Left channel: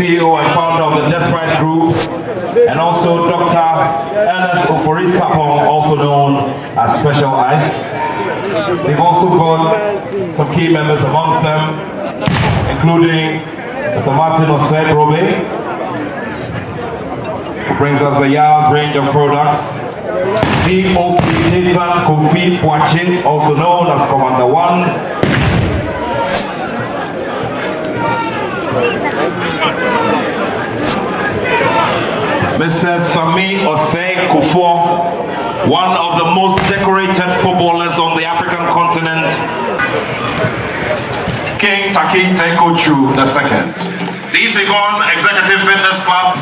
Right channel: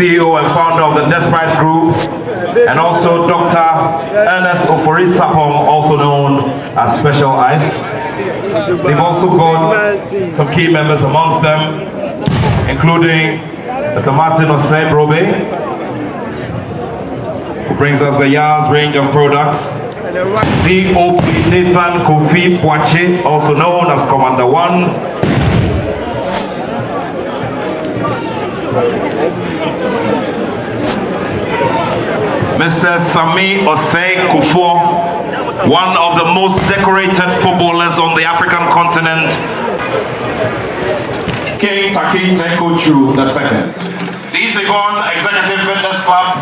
CEO and founder of the Desperate Group, and also Dr. Ernest Ofori Sapong, also known as Special Ice. They've also got some key members amongst them, including Mr. Martin Osei Robe, who brings us the Yars range of products. COP Nathan Kofi Poache, also known as Commander 1. Mr. Sami Osei Kufo, one of the most decorated footballers on the African continent. King Taki Tekochu II. The Legon Executive Fitness Club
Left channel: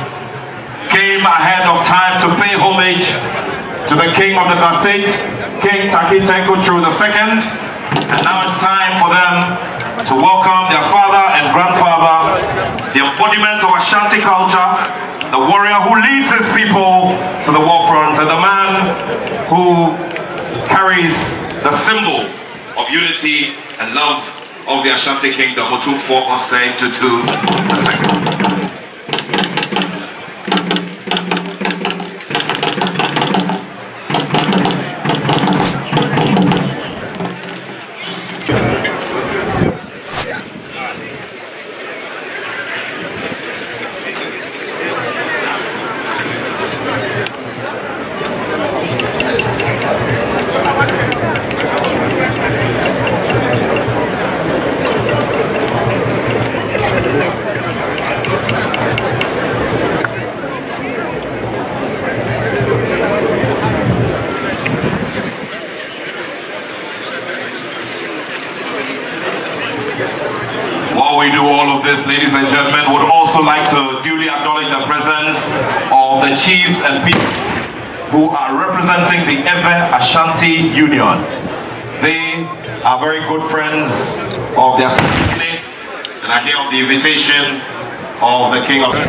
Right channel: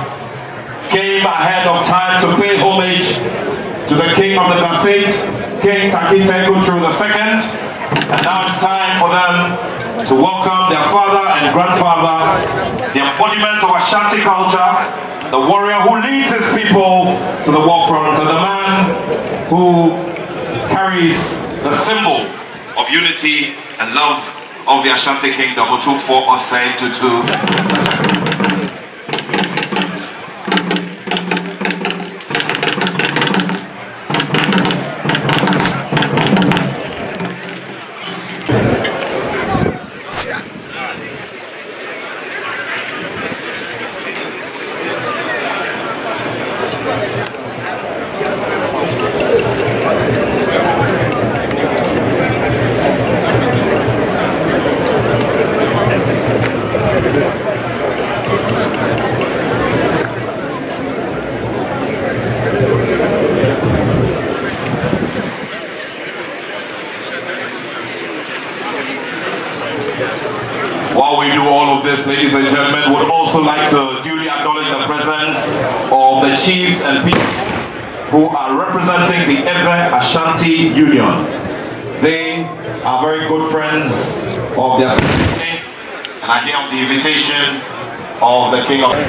came ahead of time to pay homage to the King of the Ga State, King Taki Tekochu II. And now it's time for them to welcome their father and grandfather, the embodiment of Ashanti culture, the warrior who leads his people to the war front, and the man who carries the symbol of unity and love of the Ashanti Kingdom, Otumfuo Osei Tutu II. While we do all of this, ladies and gentlemen, would also like to duly acknowledge the presence of the chiefs and people who are representing the Ewe Ashanti Union. They are very good friends of the Asantehene, and I hear of the invitation of the King of the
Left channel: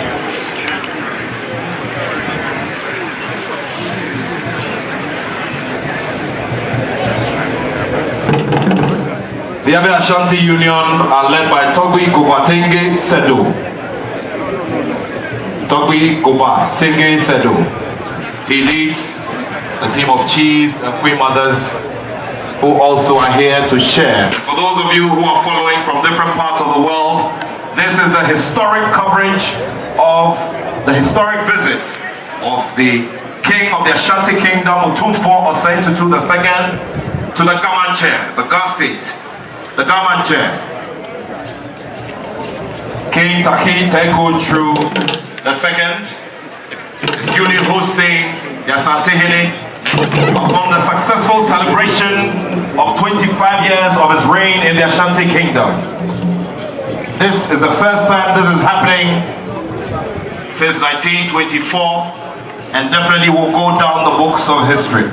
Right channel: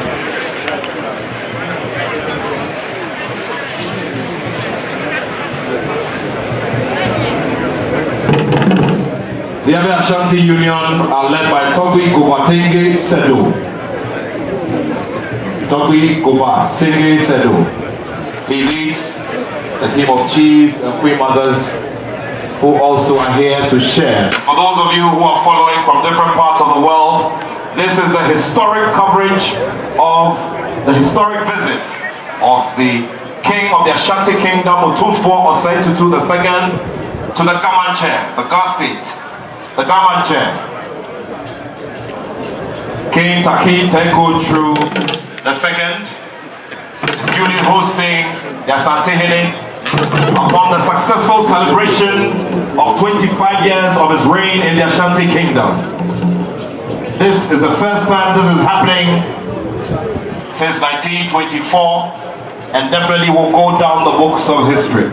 Ewe Ashanti Union are led by Togui Gobatenge Sedo. Togui Gobatenge Sedo. He leads the team of chiefs and queen mothers who also are here to share. For those of you who are following from different parts of the world, this is the historic coverage of the historic visit of the King of the Ashanti Kingdom, Otumfuo Osei Tutu II, to the Ga Mantse, the Ga State. The Ga Mantse. King Taki Tekochu II is duly hosting the Asantehene upon the successful celebration of 25 years of his reign in the Ashanti Kingdom. This is the first time this is happening since 1924, and definitely will go down the books of history.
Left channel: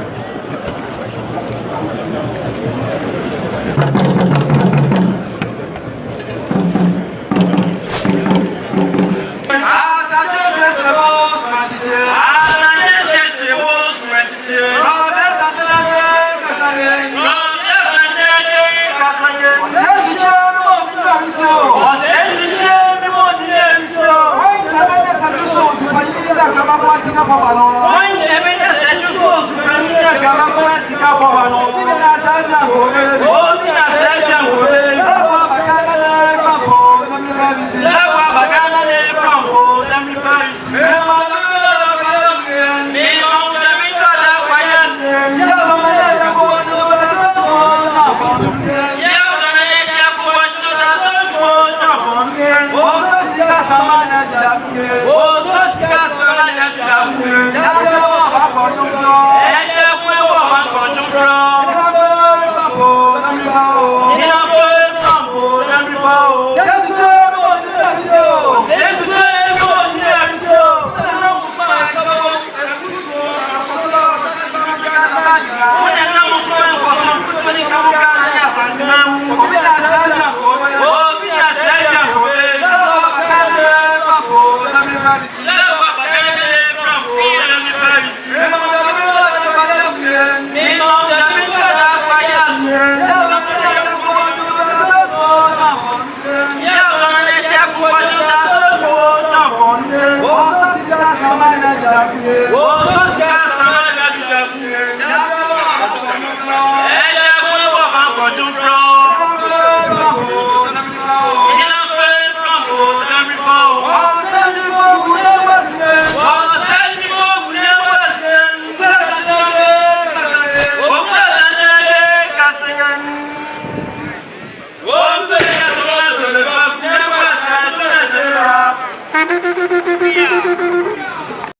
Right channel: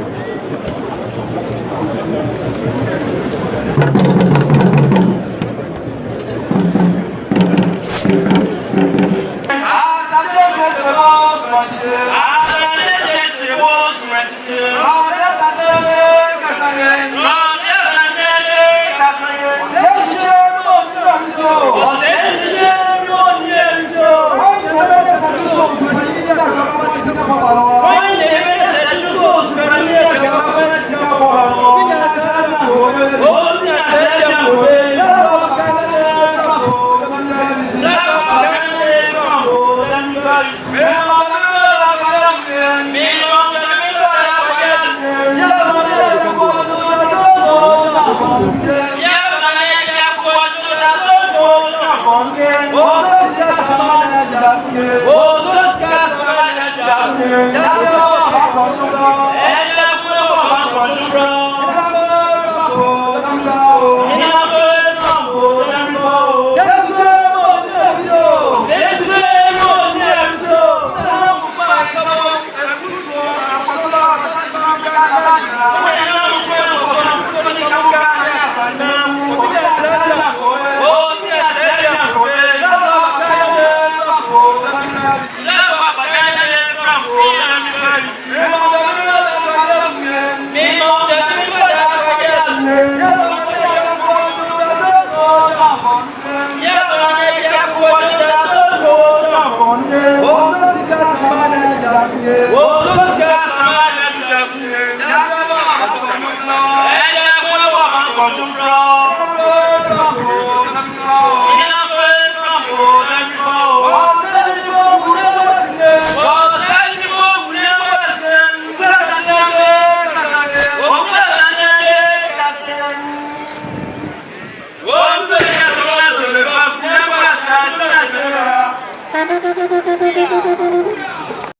Yeah.